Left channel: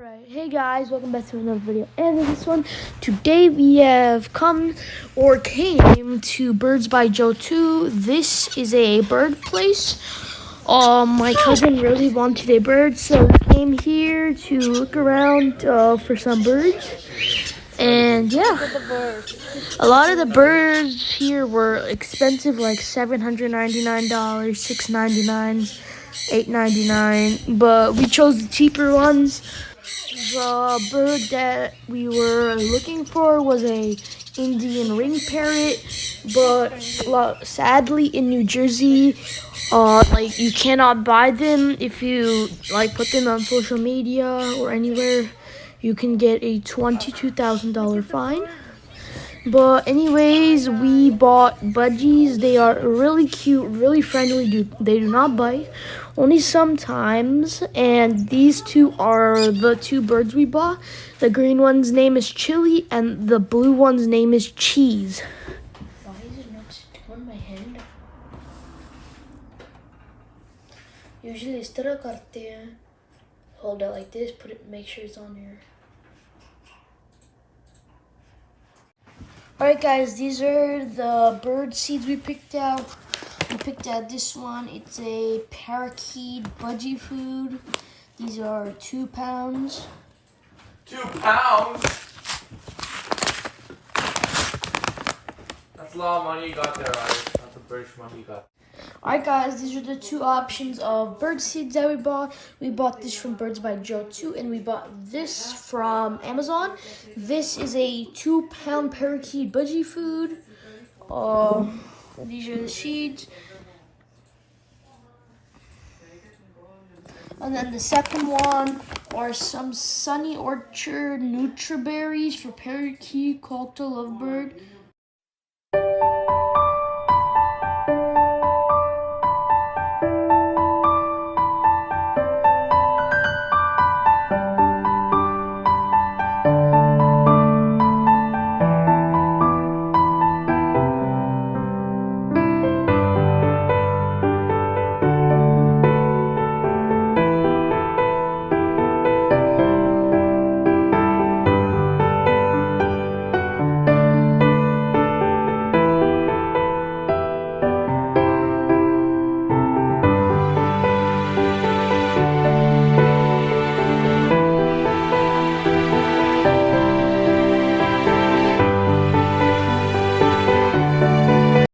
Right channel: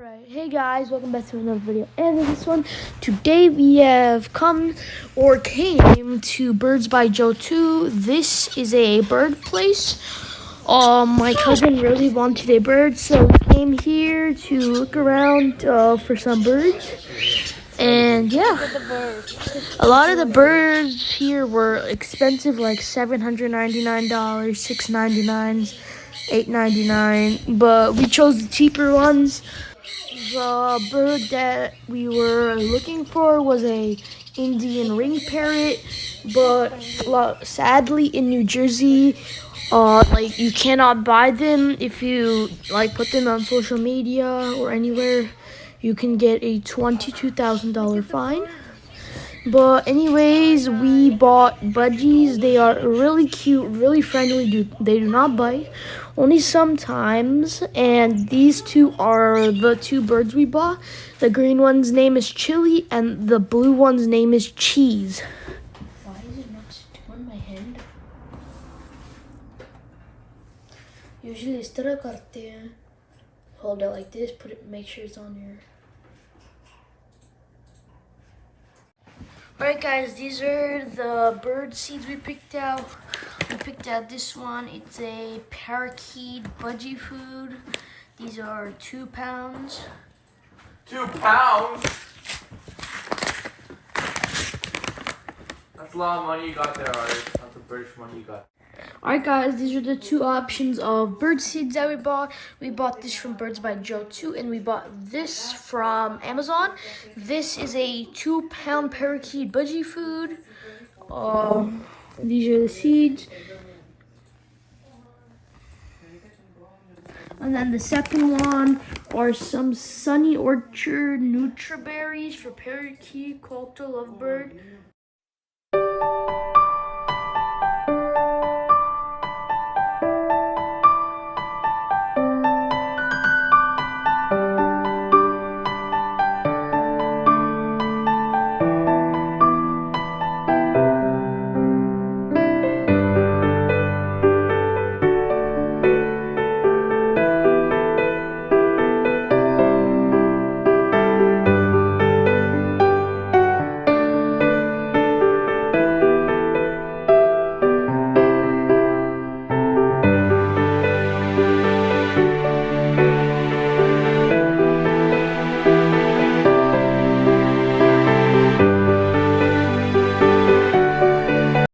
Right, hey guys, welcome back to another video. And in this one, today we have came to Birds by Joe 2. This is a bird place. My cousin really wanted a bird, so we came here to look around for some birds. And yeah, a lot of the birds here were expensive, like $799, $699, $899, but we chose the cheaper ones. The bird that we were looking for was a Indian ring parrot, but sadly in New Jersey, like you cannot buy them. If you like put them on social media or anywhere, you can get a $22,000 fine. But anyways, we bought budgies. They are really cute, really friendly. They do not bite, only sometimes. And these two are the two birds we bought. The green one's name is Chili, and the blue one's name is Cheese. Why is it not on my hand? Usually इस तरह करते हैं. Hold it like this. Put it. Make sure it's on here. Alright guys, these are the bird seeds we picked out. We picked out this one. It's a parakeet budgie food. These are 2 pounds. 2 pounds? That's a lot of money you got there, Ari. That's a British money you got. Alright guys, these are the 2 options of bird seeds that we bought. We bought this from Birds by Joe 2, and we bought this from Amazon. This is a 2-pound parakeet budgie food. These are the seeds. And then the second one are some Sunny Orchard Nutriberries for parakeet, Colta, lovebird.